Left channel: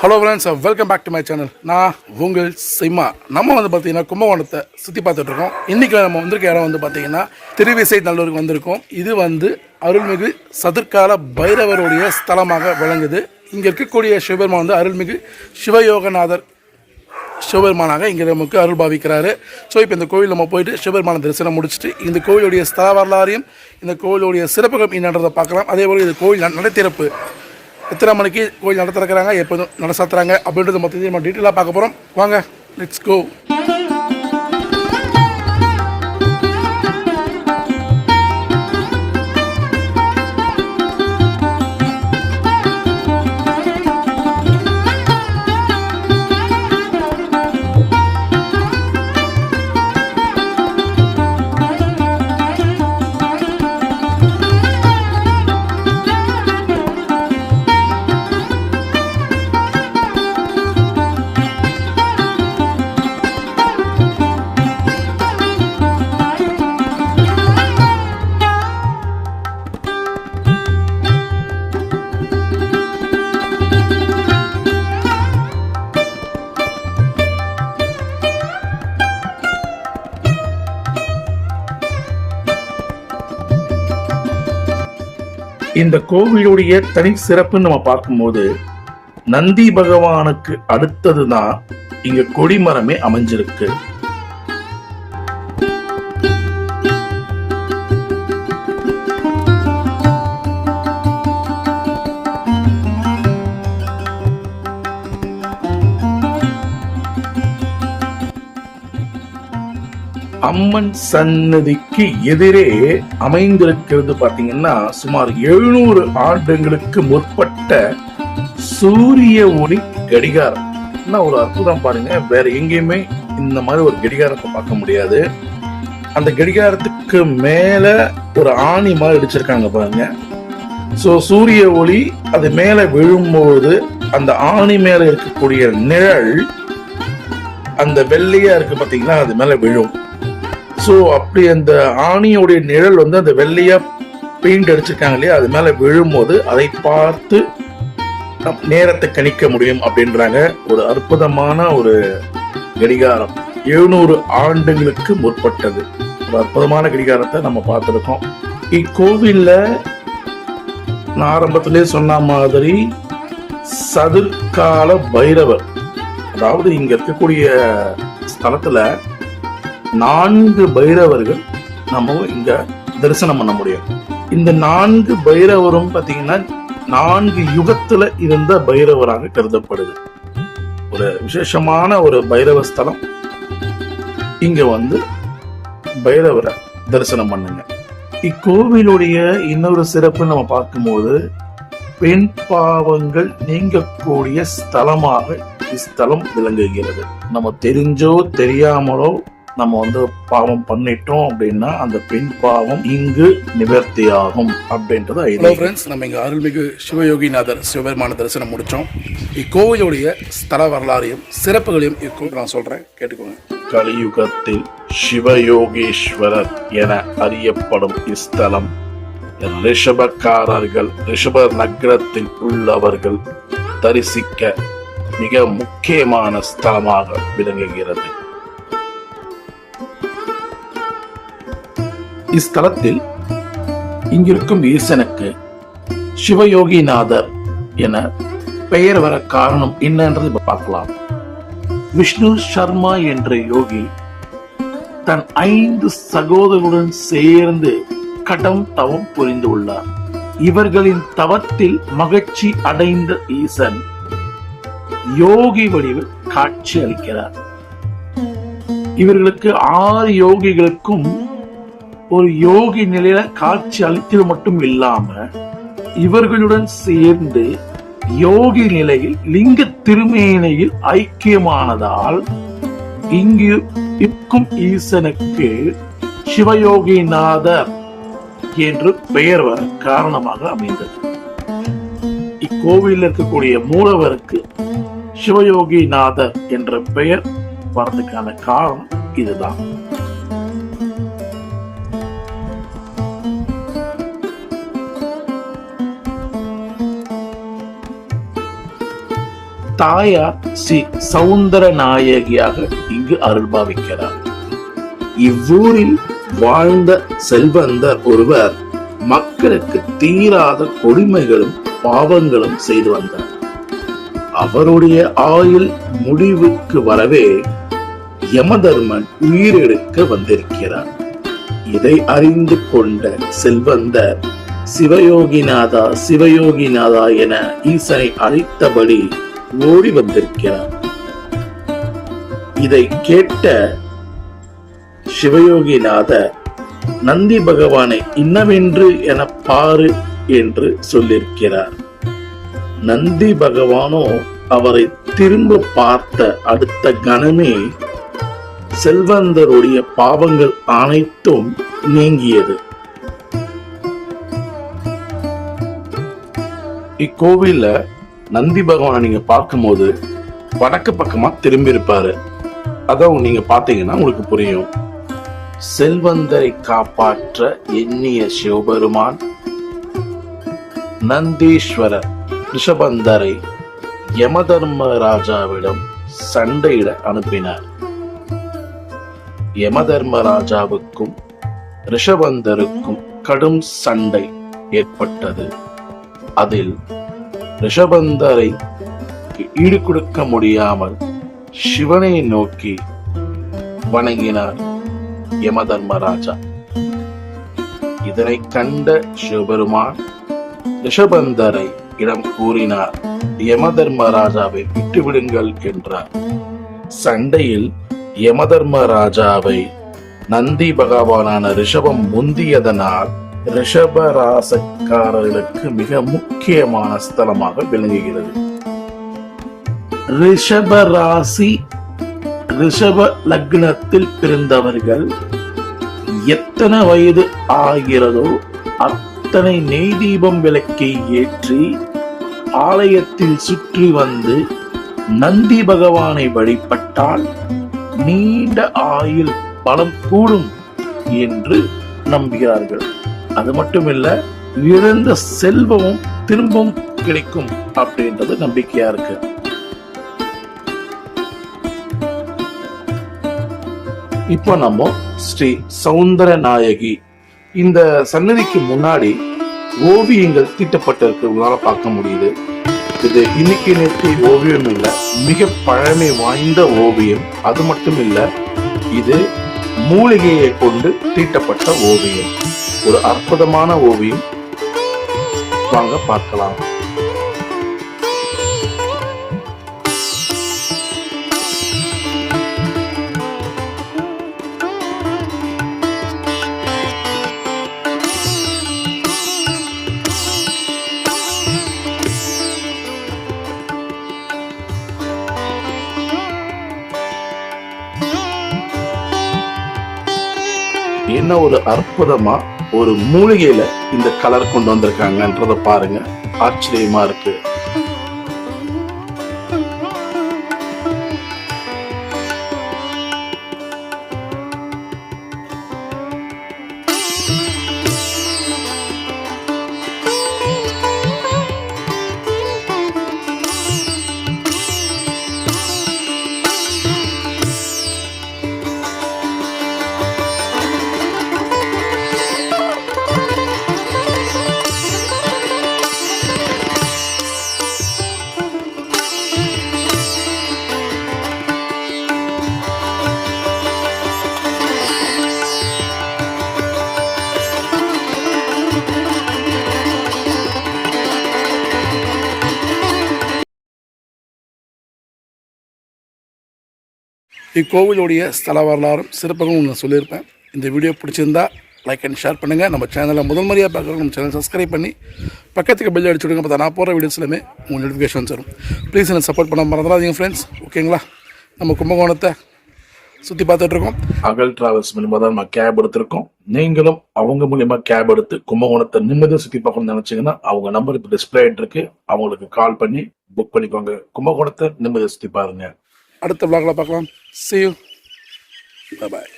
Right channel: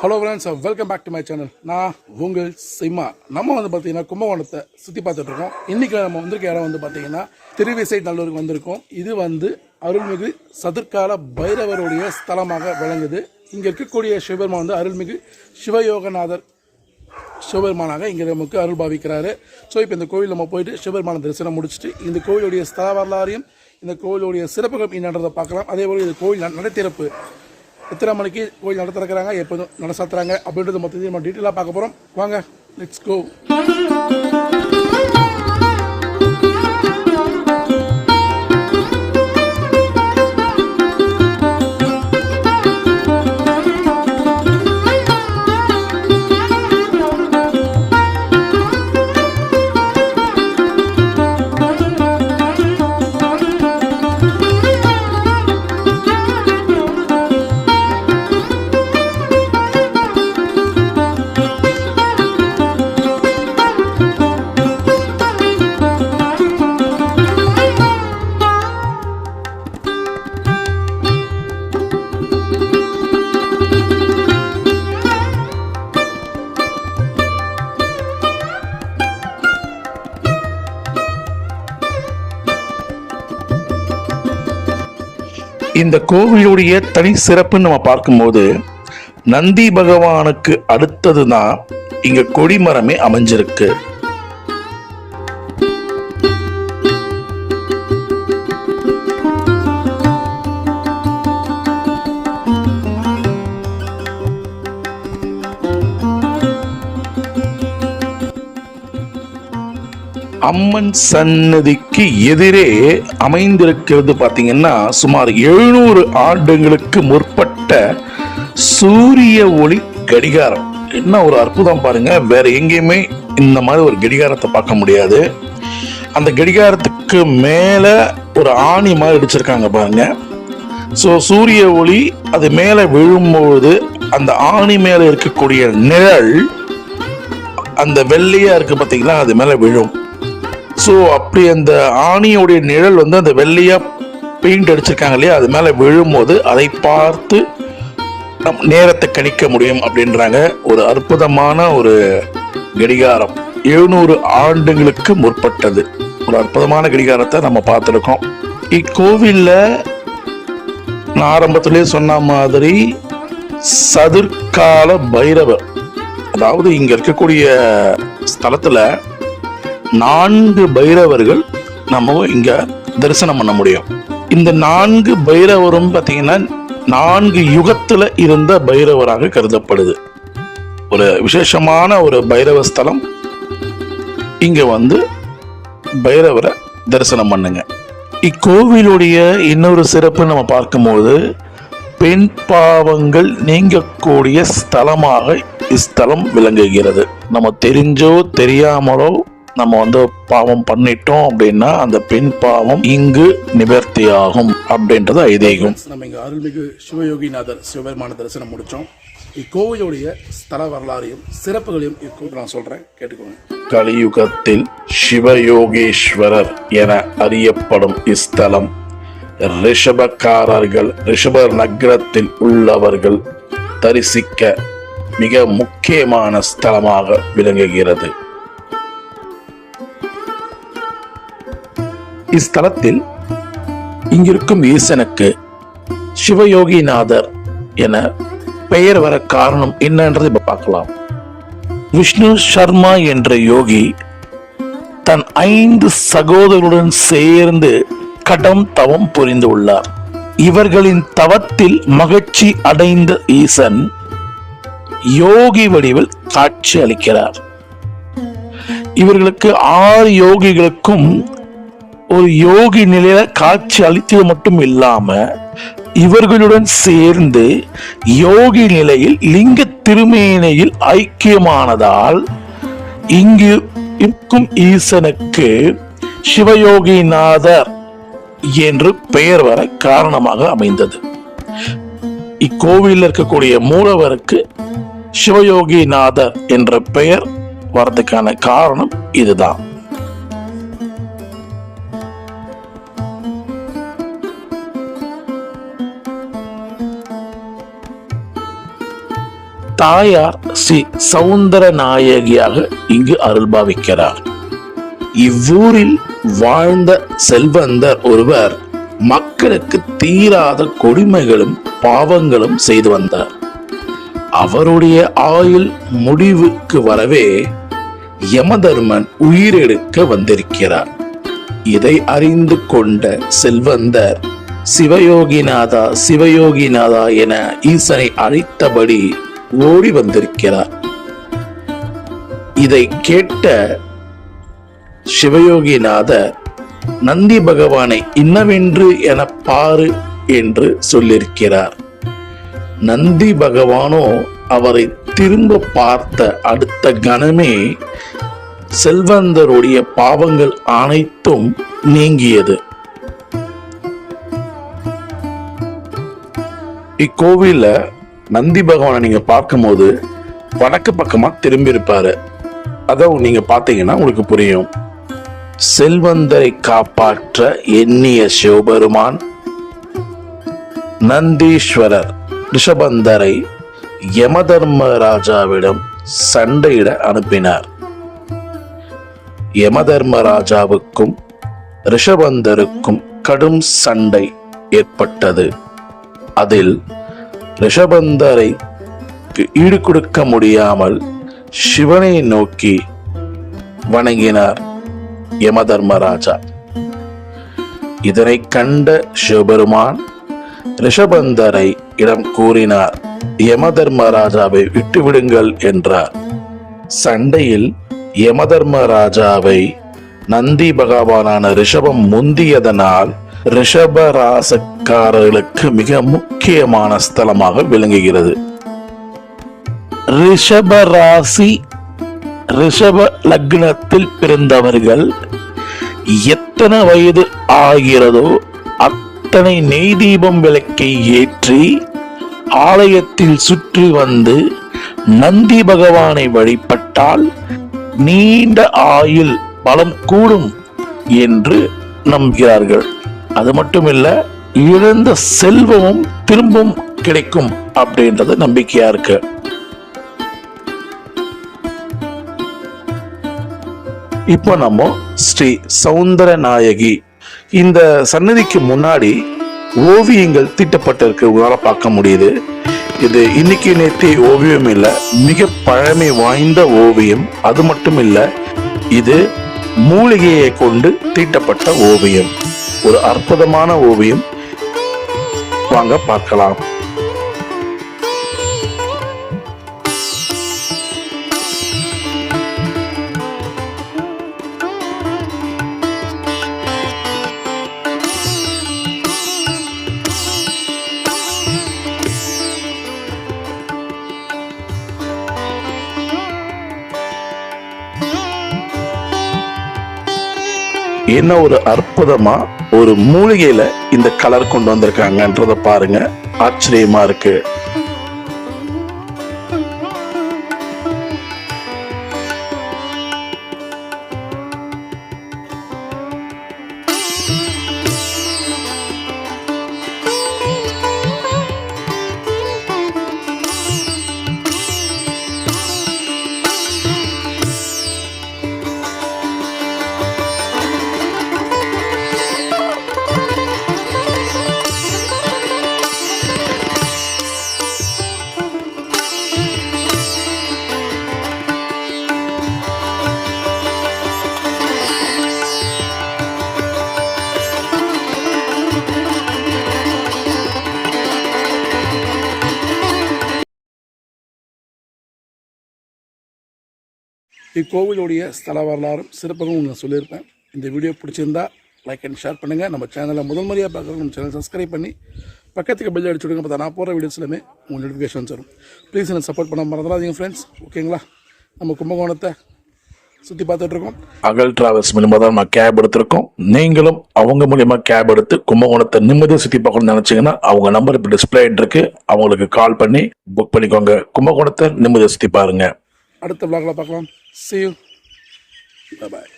Hello friends welcome back to my channel நான் உங்கள் சிம்மா. நம்ம வந்து பார்த்தீங்கன்னா கும்பகோணத்தை சுற்றி பார்த்துட்ருக்கோம் இன்றைக்கி நம்ம வந்திருக்க இடம் வந்து பார்த்தீங்கன்னா திருவிசை நல்லூருக்கு வந்திருக்கோம். இது வந்து அருள்மிகு சதுர்கால பைரவருடைய ஸ்தலமாக விளங்குது. இங்கே இருக்கக்கூடிய சிவபெருமான் வந்து அருள்மிகு சிவயோகநாதர் சிவபெருமானாக இங்கே நமக்கு அருள் பாவிக்கிறாரு. ஸோ இப்போ இந்த கோவில் நம்ம போயிட்டு சிவபெருமான தரிசனம் முடிச்சுட்டு இந்த கோவிலுடைய ஸ்தல வரலாறையும் இந்த கோவிலுடைய சிறப்புகள் என்னன்றதை பார்க்கலாம். அதே போல் இந்த கோவில் நடைத்திறப்பு. எத்தனை மணிக்கு கோயில் நட எப்போதும் எப்போ அப்படின்றது அப்படின்றத மொத்தத்தையும் நம்ம டீட்டெயிலாக பார்க்க போகிறோம் வாங்க லெட்ஸ் கோ இந்த கோவிலுடைய தனி சிறப்புன்னு நம்ம பார்க்கும்போது நந்தி பகவானுக்கு அடுத்தது தான் இங்கே கொடிமரமே அமைஞ்சிருக்கு. அம்மன் சன்னதிக்கு எதிரே அமைந்திருக்கிறது பார்த்தீங்கன்னா சுமார் எழுநூறு ஆண்டுகளுக்கு முற்பட்ட சூரிய ஒளி கடிகாரம். என்ன ஒரு அற்புதம் பாருங்க. வேற எங்கேயுமே இந்த மாதிரி ஒரு கடிகாரத்தை பார்க்க முடியாது. அந்த கடிகாரத்துக்கு மேல ஒரு ஆணி மாதிரி அடிச்சிருக்காங்க பாருங்க. ஸோ சூரிய ஒளி அது மேலே விழும்போது அந்த ஆணி மேலே இருக்கக்கூடிய நிழல் அந்த வெள்ளையா இருக்கு பார்த்தீங்கன்னா அது மேலே விழும். ஸோ அப்படி அந்த ஆணியோடைய நிழல் வந்து அந்த வெள்ளையாக பெயிண்ட் அடிச்சிருக்காங்க இல்லையா? அது மேலே விழும்போது அதை பார்த்து நேரத்தை கணிக்க முடியும் அப்படின்றாங்க. ஒரு அற்புதமான ஒரு கடிகாரம். எழுநூறு ஆண்டுகளுக்கு முற்பட்டது. ஒரு அற்புதமான கடிகாரத்தை நம்ம பார்த்துருக்கோம். இக்கோவிலில் நான் ஆரம்பத்திலே சொன்ன மாதிரி சதுர்கால பைரவர். அதாவது இங்கே இருக்கக்கூடிய ஸ்தலத்தில் நான்கு பைரவர்கள் நம்ம இங்க தரிசனம் பண்ண முடியும். இந்த நான்கு பைரவரும் பாத்தீங்கன்னா நான்கு யுகத்துல இருந்த பைரவராக கருதப்படுது. ஒரு விசேஷமான ஒரு பைரவ ஸ்தலம். இங்க வந்து பைரவரை தரிசனம் பண்ணுங்க. இக்கோவிலுடைய இன்னொரு சிறப்பு நம்ம பார்க்கும்போது பெண் பாவங்கள் நீங்கக்கூடிய ஸ்தலமாக இஸ்தலம் விளங்குகிறது. நம்ம தெரிஞ்சோ தெரியாமலோ நம்ம வந்து பாவம் பண்ணிட்டோம் அப்படின்னா அந்த பெண் பாவம் இங்கு நிவர்த்தி ஆகும் அப்படின்றது ஐதீகம். நம்ம இங்க அருள்மிகு சிவயோகிநாதர் சிவபெருமான தரிசனம் முடிச்சோம். இக்கோவிலுடைய ஸ்தல வரலாறையும் சிறப்புகளையும் இக்கோவில் நான் சொல்றேன். கேட்டுக்கோங்க. கலியுகத்தில் சிவயோகீஸ்வரர் என அறியப்படும் இஸ்தலம் ரிஷபக்காரர்கள் ரிஷப நகரத்தில் உள்ளவர்கள் தரிசிக்க மிக முக்கியமான ஸ்தலமாக விளங்குகிறது. இஸ்தலத்தில் இங்கிருக்கும் ஈசனுக்கு சிவயோகிநாதர் என பெயர் வர காரணம் என்னன்றது இப்ப பார்க்கலாம். விஷ்ணு சர்மா என்ற யோகி தன் ஐந்து சகோதரருடன் சேர்ந்து கடம் தவம் புரிந்து உள்ளார். இவர்களின் தவத்தில் மகிழ்ச்சி அடைந்த ஈசன் யோகி வடிவில் காட்சி அளிக்கிறார். இவர்களுக்கு ஆறு யோகிகளுக்கும் ஒரு யோகி நிலையில காட்சி அளித்தது மட்டும் இல்லாம இவர்களுடன் சேர்ந்து யோகி நிலையில் லிங்க திருமேனையில் ஐக்கியமானதால் இங்கு இருக்கும் ஈசனுக்கு சிவயோகிநாதர் என்று பெயர் வர காரணமாக அமைந்தது. இக்கோவிலில் இருக்கக்கூடிய மூலவருக்கு சிவயோகிநாதர் என்ற பெயர் வரதுக்கான காரணம் இதுதான். தாயார் ஸ்ரீ சவுந்தர நாயகியாக இங்கு அருள்பாவிக்கிறார். இவ்வூரில் வாழ்ந்த செல்வந்தர் ஒருவர் மக்களுக்கு தீராத கொடுமைகளும் பாவங்களும் செய்து வந்தார். அவருடைய ஆயுள் முடிவுக்கு வரவே யமதர்மன் உயிரெடுக்க வந்திருக்கிறார். இதை அறிந்து கொண்ட செல்வந்தர் சிவயோகிநாதா சிவயோகிநாதா என ஈசனை அழைத்தபடி ஓடி வந்திருக்கிறார். இதை கேட்ட சிவயோகிநாதர் நந்தி பகவானை இன்னவென்று என பாரு என்று சொல்லியிருக்கிறார். நந்தி பகவானோ அவரை திரும்ப பார்த்த அடுத்த கணமே செல்வந்தருடைய பாவங்கள் அனைத்தும் நீங்கியது. இக்கோவில நந்தி பகவானை நீங்க பார்க்கும்போது வடக்கு பக்கமா திரும்பி இருப்பாரு அதை நீங்க பார்த்தீங்கன்னா உங்களுக்கு புரியும். செல்வந்தரை காப்பாற்ற எண்ணிய சிவபெருமான் நந்தீஸ்வரர் ரிஷபந்தரை யமதர்மராஜாவிடம் சண்டையிட அனுப்பினார். யமதர்மராஜாவுக்கும் ரிஷபந்தருக்கும் கடும் சண்டை ஏற்பட்டது. அதில் ரிஷபந்தரை ஈடு கொடுக்க முடியாமல் சிவனை நோக்கி வணங்கினார் யமதர்மராஜா. இதனை கண்ட சிவபெருமான் ரிஷபந்தரை இடம் கூறினார் யமதர்மராஜாவை விட்டுவிடுங்கள் என்றார். சண்டையில் யமதர்மராஜாவை நந்தி பகவானான ரிஷபம் முந்தியதனால் ரிஷபராசக்காரர்களுக்கு மிக முக்கியமான ஸ்தலமாக விளங்குகிறது. ரிஷபராசி ரிஷப லக்னத்தில் பிறந்தவர்கள் எத்தனை வயது ஆகிறதோ அத்தனை நெய் தீபம் விளக்கை ஏற்றி ஆலயத்தில் சுற்றி வந்து நந்தி பகவானை வழிபட்டால் நீண்ட ஆயுள் பலம் கூடும் என்று நம்புகிறார்கள். அது மட்டும் இல்ல இழந்த செல்வமும் திரும்பவும் கிடைக்கும் அப்படின்றது நம்பிக்கையா இருக்கு. இப்போ நம்ம ஸ்ரீ சவுந்தர நாயகி இந்த சன்னதிக்கு முன்னாடி ஓவியங்கள் தீட்டப்பட்டிருக்கு உங்களால பார்க்க முடியுது. இது இன்னைக்கு நேற்று ஓவியம் இல்லை மிக பழமை வாய்ந்த ஓவியம். அது மட்டும் இல்ல இது மூலிகையை கொண்டு தீட்டப்பட்ட ஓவியம். ஒரு அற்புதமான ஓவியம். வாங்க பார்க்கலாம். என்ன ஒரு அற்புதமா ஒரு மூலிகையில இந்த கலர் கொண்டு வந்திருக்காங்கன்றத பாருங்க. ஆச்சரியமா இருக்கு. இக்கோவிலுடைய ஸ்தல வரலாறும் சிறப்புகளும் நான் சொல்லியிருப்பேன். இந்த வீடியோ பிடிச்சிருந்தா லைக் அண்ட் ஷேர் பண்ணுங்கள் நம்ம சேனலை முதல் முறையாக பார்க்குறோம் நம்ம சேனல் சப்ஸ்கிரைப் பண்ணி பக்கத்துக்கு பெல் அடிச்சு விடுங்க. பார்த்தா நான் போகிற வீடியோஸ் எல்லாமே உங்கள் நோட்டிஃபிகேஷன்ஸ் வரும். ப்ளீஸ் என்ன சப்போர்ட் பண்ண மறந்துடாதீங்க ஃப்ரெண்ட்ஸ் ஓகேங்களா நம்ம கும்பகோணத்தை சுற்றி பார்த்துட்ருக்கோம் அகல் டிராவல்ஸ் மூலியமாக தான் நான் கேப் எடுத்திருக்கோம். நீங்களும் அவங்க மூலியமாக கேப் எடுத்து கும்பகோணத்தை நிம்மதியாக சுற்றி பார்க்கணும்னு நினச்சிங்கன்னா அவங்க நம்பர் இப்போ டிஸ்பிளே இருக்கு. அவங்களுக்கு கால் பண்ணி புக் பண்ணிக்கோங்க. கும்பகோணத்தை நிம்மதியாக சுற்றி பாருங்கள் அடுத்த விளாகில் பார்க்கலாம் சி யூ பாய்